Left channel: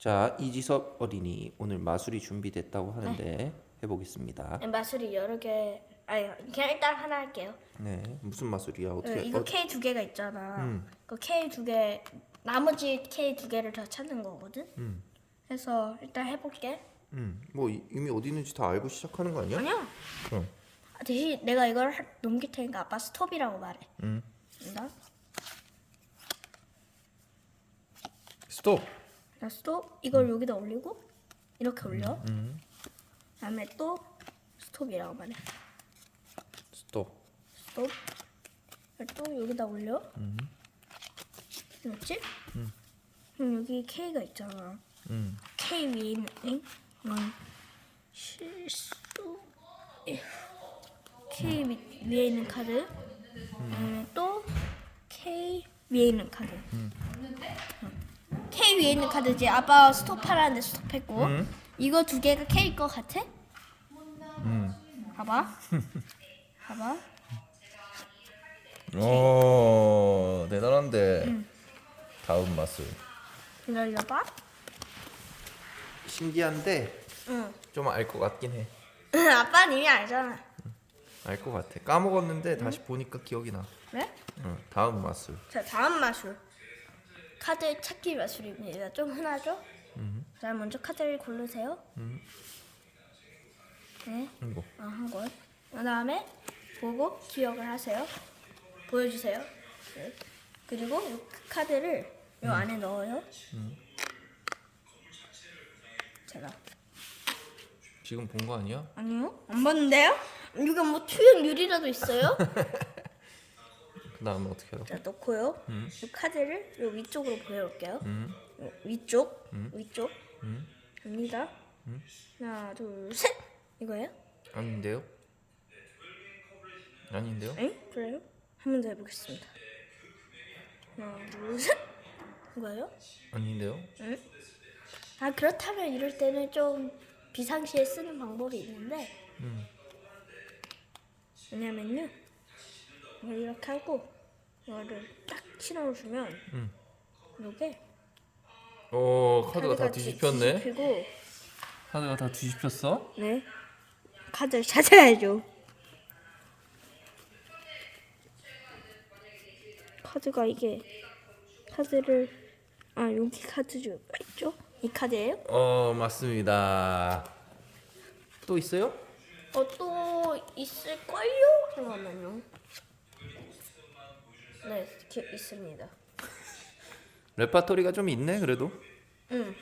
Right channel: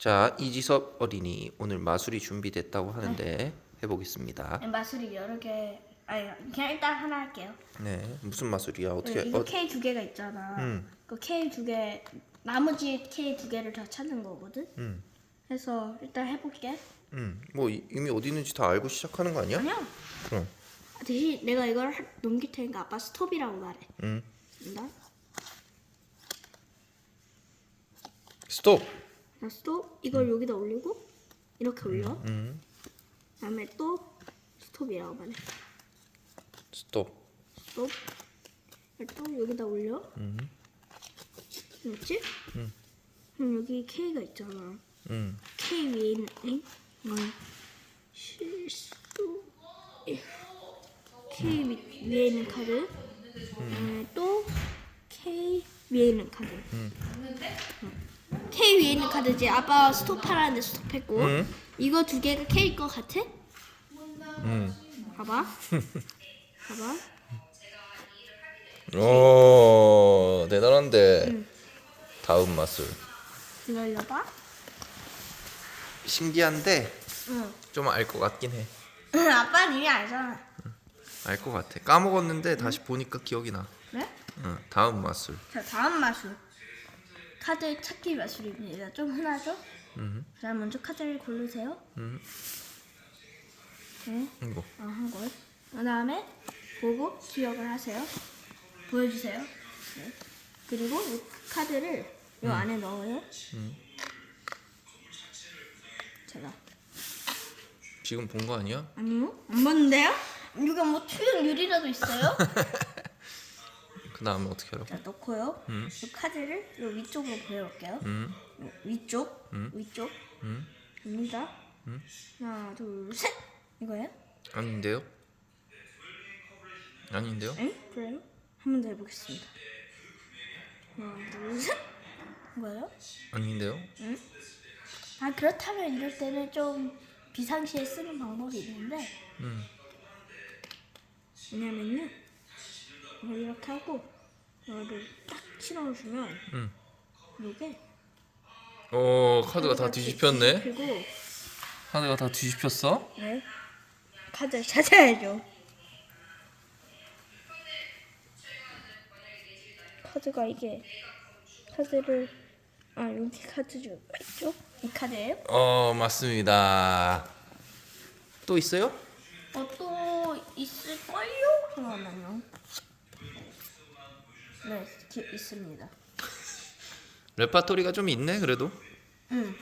자, 이지섭 어린이 오늘 마술이 준비됐다고 하는데 해보겠습니다. 네, 마술이 여러 개 아니 그냥 일단 하나 할게요. 네, 무슨 마술이야? 어떻게? 네, 이거 어, K 두 개가 있잖아. 음. 그 K 두 개 나머지 K 두 개를 더 찾는 거거든. 음, 그래서 일단 해볼게. 음, 뭐 이- 이미 어디 있는지 다 알고 시작하는 거 아니야? 아니야. 그럼, 대신 내가 이걸 하- 넘길 테니까 아빠 스톱이라고 말해. 음, 된다. 스톱. 자 스톱 이걸 여기다 올리고 이렇게 올려. 음, 다음에 또 스톱이라고 말해. 스톱. 스톱. 또 여기다 올려. 음, 맞지? 그럼 여기 K가 있잖아. 음, K 위에 있는 응? 이건 실수 K 위, 위에 있는 카드 그다음에 또 K 위에 있는 카드 응. K 위에 있는 카드지 아빠 스톱하라는데 스톱했고 음. 이거 두 개가 K일 것 같아? 음. 봐봐 봐봐 오, 대단한데. 다음 마술. 기다려봐 신기한데 응 좀 알 것 같긴 해. 아빠는 이미 알잖아 알 것 같아. 까먹었는데 다시 보니까 기억이 나. 네? 응, 다음 마술. 자 다음 마술 카드 찾기 마술입니다 좀 흔하죠? 음, 자 먼저 카드를 고르세요 음, 네, 이거. 어, 한 걸. 그 다음에 보고 기억을 하세요 보여주세요 네. 그리고 이 카드를 이 안에 넣어요 음. 제가 지금 본 거 아니야? 아니요 안 봤는데요? 이거 뭐 투영 유리라도 있어요? 그 다음에 어떻게 하라고? 자 넣고요 음. 이 카드를 요 위쪽으로 보내볼게요 음, 요 위쪽 음. 위쪽 음, 갑니다 음. 하나 둘 셋 이거예요? 아닌데요? 아닌데요? 응? 그래요? 한 번 더 해보겠습니다. 하나, 둘, 셋! 이거요? 아닌데요? 응? 아 그렇다면 이럴 때는 좀 비상시에 쓰는 방법이 있는데 음, 왜냐면요 이걸 이렇게 하고 이거를 딱 실어주면 음. 이게 오, 카드가 다 뒤집혔네. 그리고 카드가 다 뒤집혔어? 네 카드를 찾아야죠. 카드가 이게 카드를 아 여기 카드가 있죠? 이 카드예요? 어, 맞습니다. 또 있어요? 어, 또 있을걸요? 잠깐만요. 네, 기, 있습니다. 레파토리가 좀 있네, 그래도. 응.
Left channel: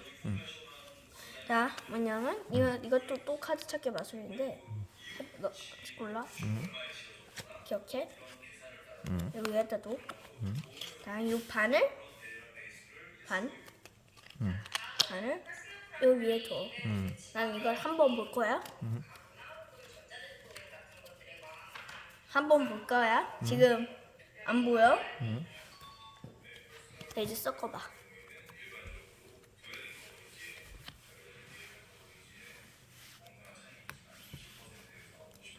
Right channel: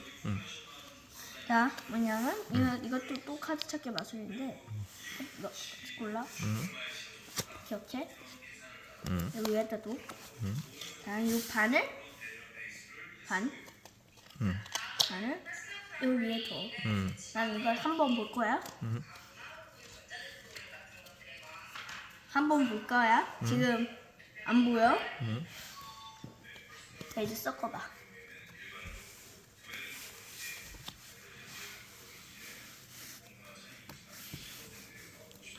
자, 뭐냐면 이거 이것도 또 카드 찾기 마술인데 너 골라. 기억해? 여기 위에다 둬. 자, 이 반을 반. 반을 이 위에 둬. 음, 난 이걸 한 번 볼 거야. 한번 볼 거야. 지금 안 보여? 자, 이제 섞어봐.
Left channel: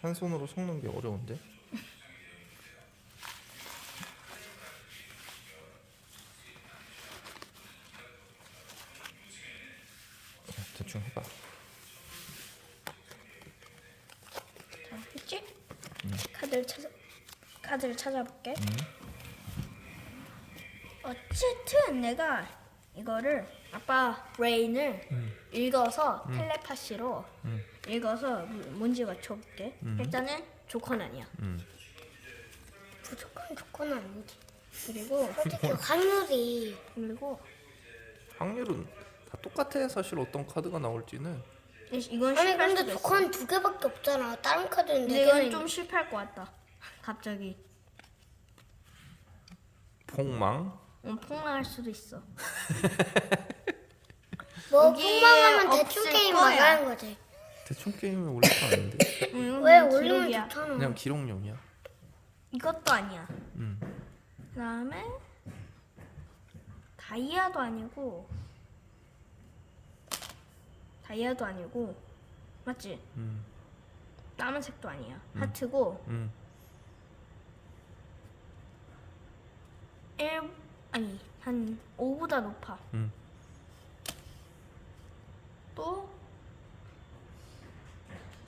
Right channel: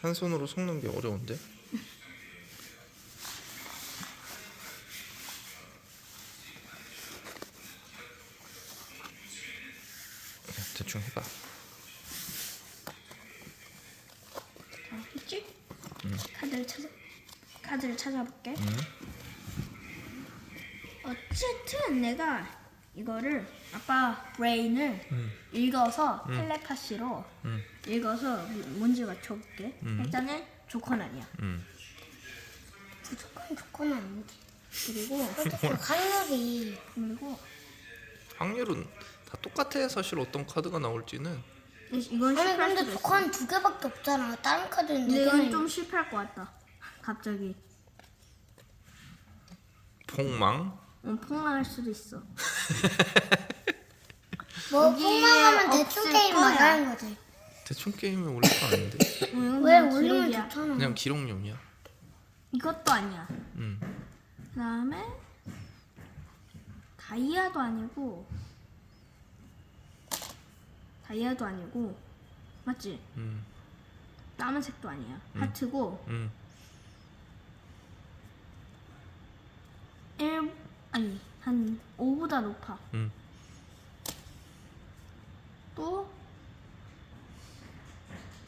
한 손으로 섞는 게 어려운데. 그냥 대충 해봐. 자, 했지? 카드를 찾아 카드를 찾아볼게. 어쨌든 내가 이거를 아빠 브레인을 읽어서 텔레파시로 음. 읽어서 문제 맞춰볼게. 일단은 조건 아니야. 음. 조건 조건은 아니지. 그리고 어떻게 확률이 그리고 확률은 다 똑같아. 사실 어떤 카드가 나올지는. 이건 아니 실패할 근데 수도 있어. 조건 두 개밖에 없잖아 다른 카드는 근데 네 이건 개는 좀 실패할 것 같다. 갑자기 폭망. 어, 폭망할 수도 있어. 뭐 폭망하면 대충 없을 게임 거야. 나가는 거지 대충 게임에 올릴 거 아닌데. 응, 왜 그냥 올리면 기록이야. 좋잖아 그냥 기록용이야. 이것도 아니야. 음. 그다음에 다이아도 아니고 다이아도 아니고 맞지? 음. 까만색도 아니야. 하트고 음. 1 아니 한 5보다 높아. 음. 또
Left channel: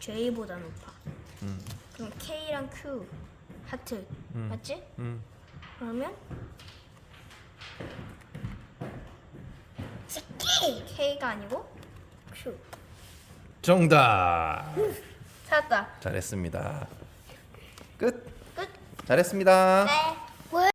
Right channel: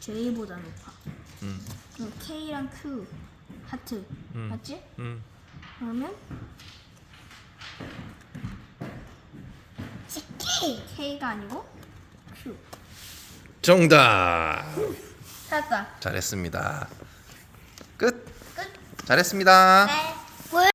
J보다 높아. 음. 그냥 K랑 Q 하트 음. 맞지? 음. 그러면 K K가 아니고 Q. 정답. 찾았다. 잘했습니다. 끝. 끝. 잘했습니다. 네.